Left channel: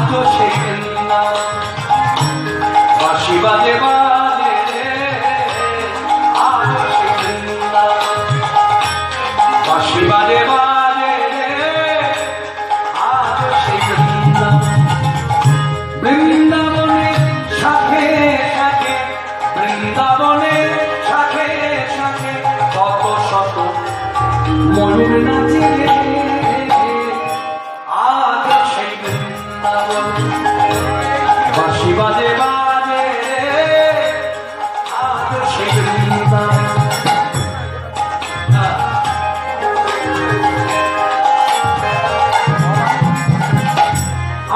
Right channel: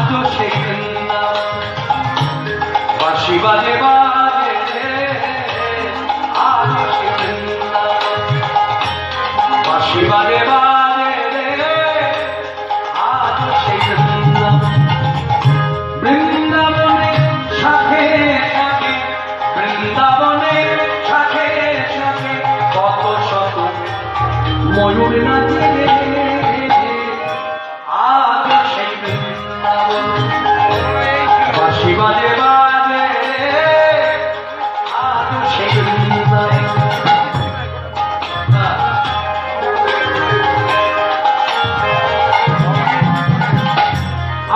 আজও সেই বাঁশি বাজে বাজে আজও সেই বাঁশি বাজে বাজে আজও সেই বৃন্দাবনে শাখে শাখে বৃন্দাবনে শাখে শাখে কত শত ময়ূর নাচে আজ সেই বৃন্দাবন বাঁশি বাজে বাজে আজ সেই বৃন্দাবন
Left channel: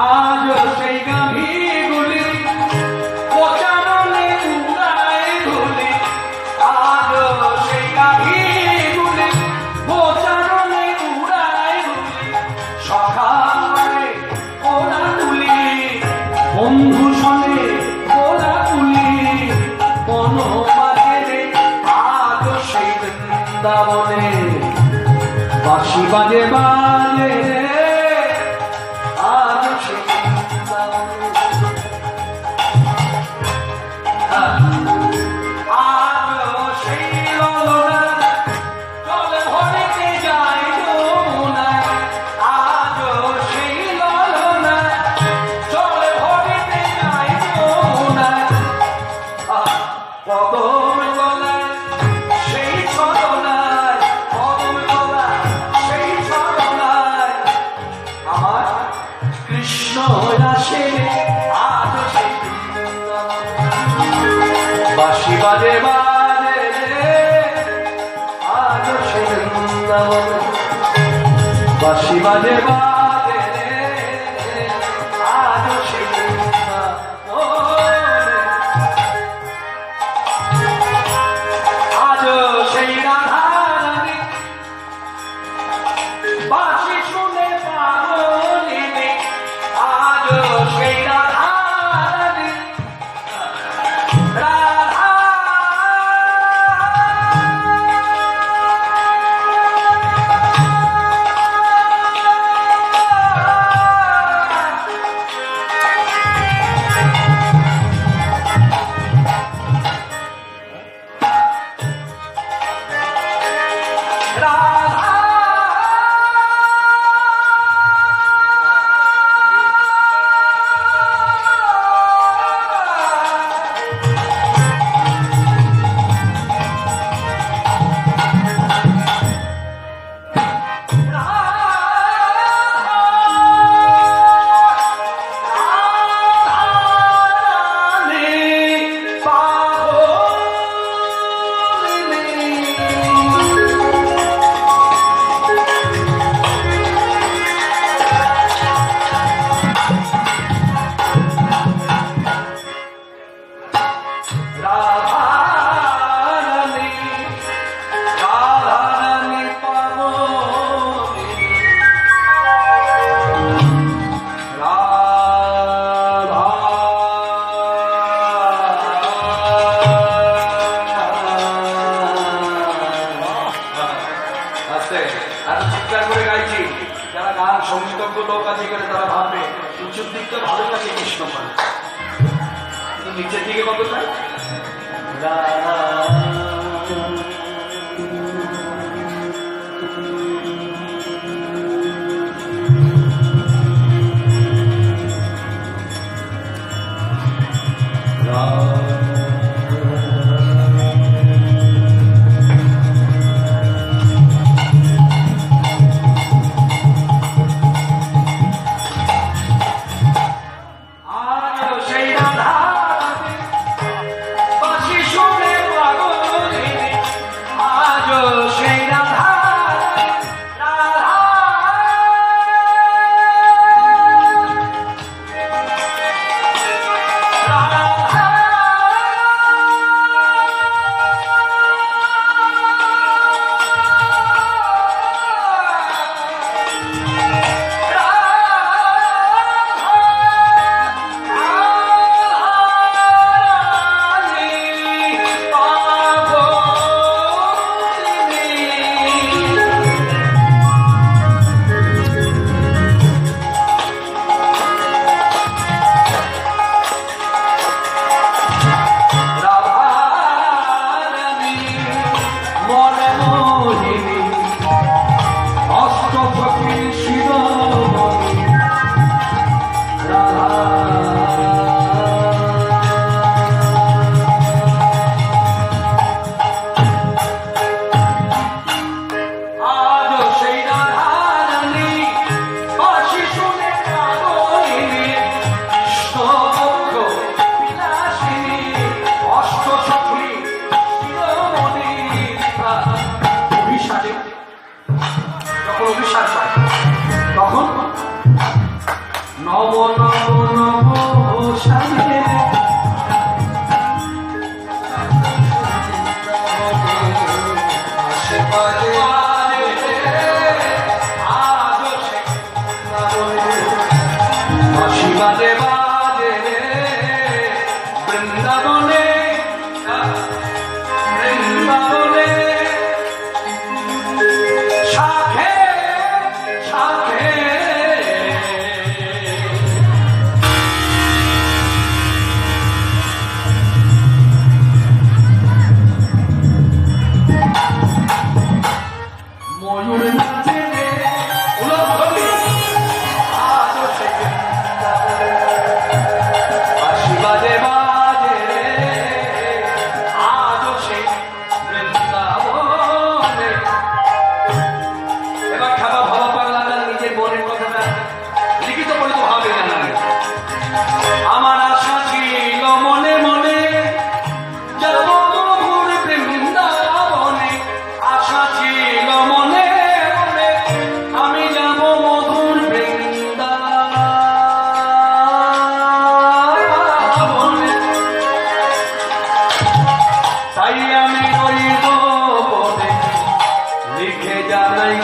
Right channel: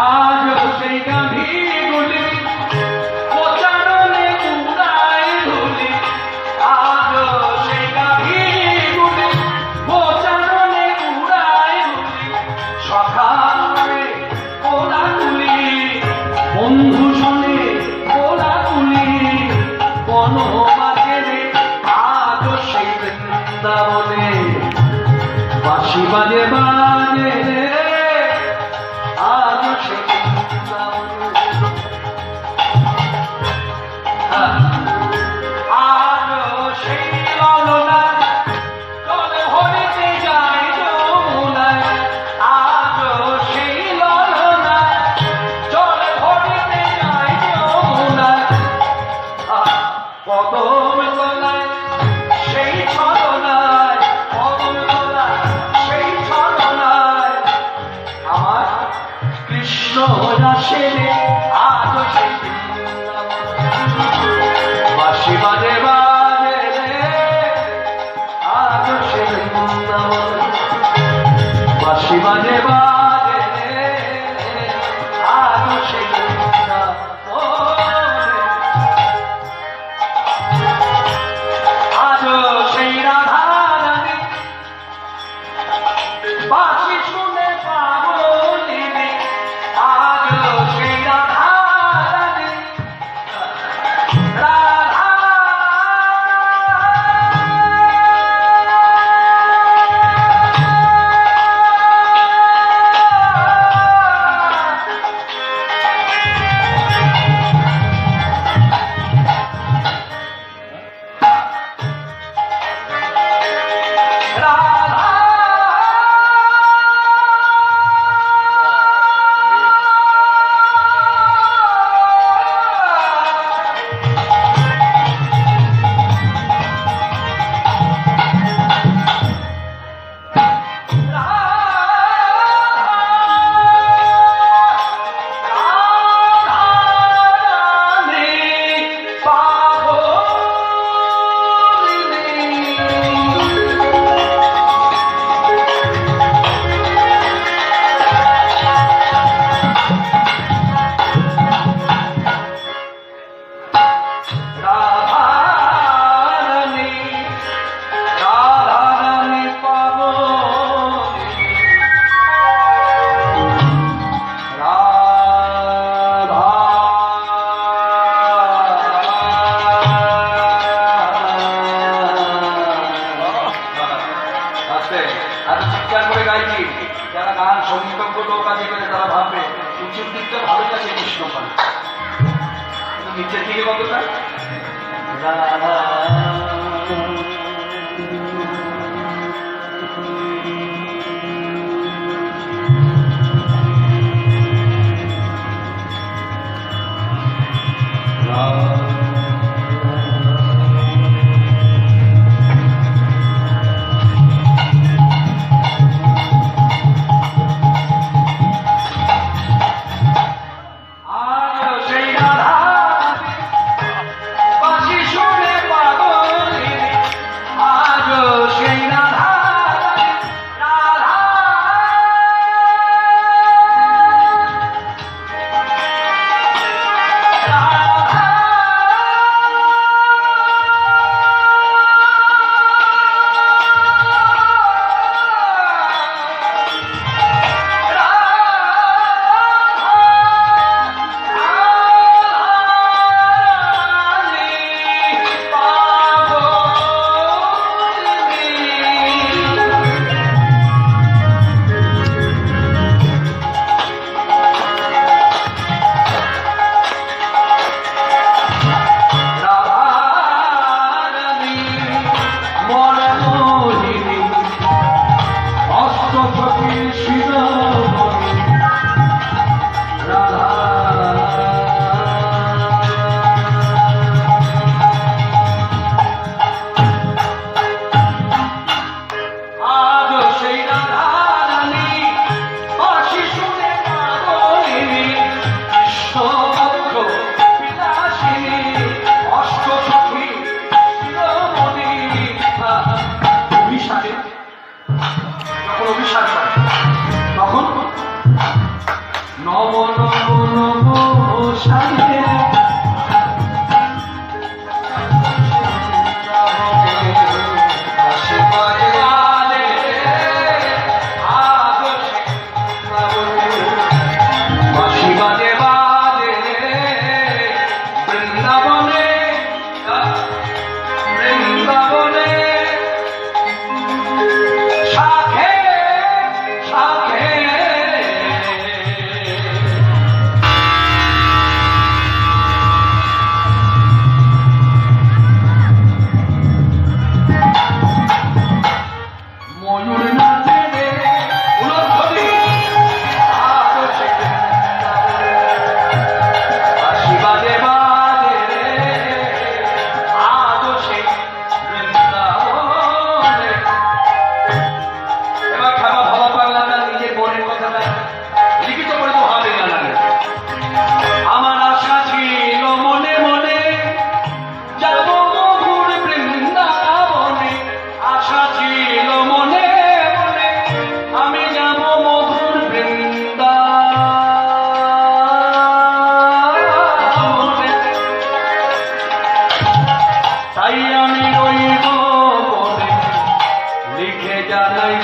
আজ সেই গাভীগুলি প্রচারণে উড়ায় ধুলি আজ সেই গাভীগুলি প্রচারণে উড়ায় ধুলি সকালে কোলাকুলি বন্ধু শোনে কোলাকুলি কোন বাজে আজ সেই বৃন্দাবনে বাঁশি বাজে বাজে আজ সেই বাঁশি বাজে বাজে আজ সে বৃন্দাবন বাঁশি বাজে বাজে আজ সে আজ সেই রাধা রানী বাঁশি শুনে পাগলিনী আজ সেই রাধা রানী এত চিৎকার করে গাইছি যারা গান সঙ্গীতজ্ঞ লোক আছে বলে তারা ভাববে উঁচুর দিকটা ভালো কাছে কৃষ্ণ পান কিন্তু নিচের দিকে কত চাই সেই রাধা বাঁশি শুনে পাগল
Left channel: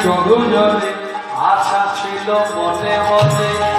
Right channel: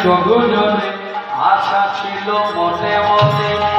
গগনে আশা ছিল মনে মনে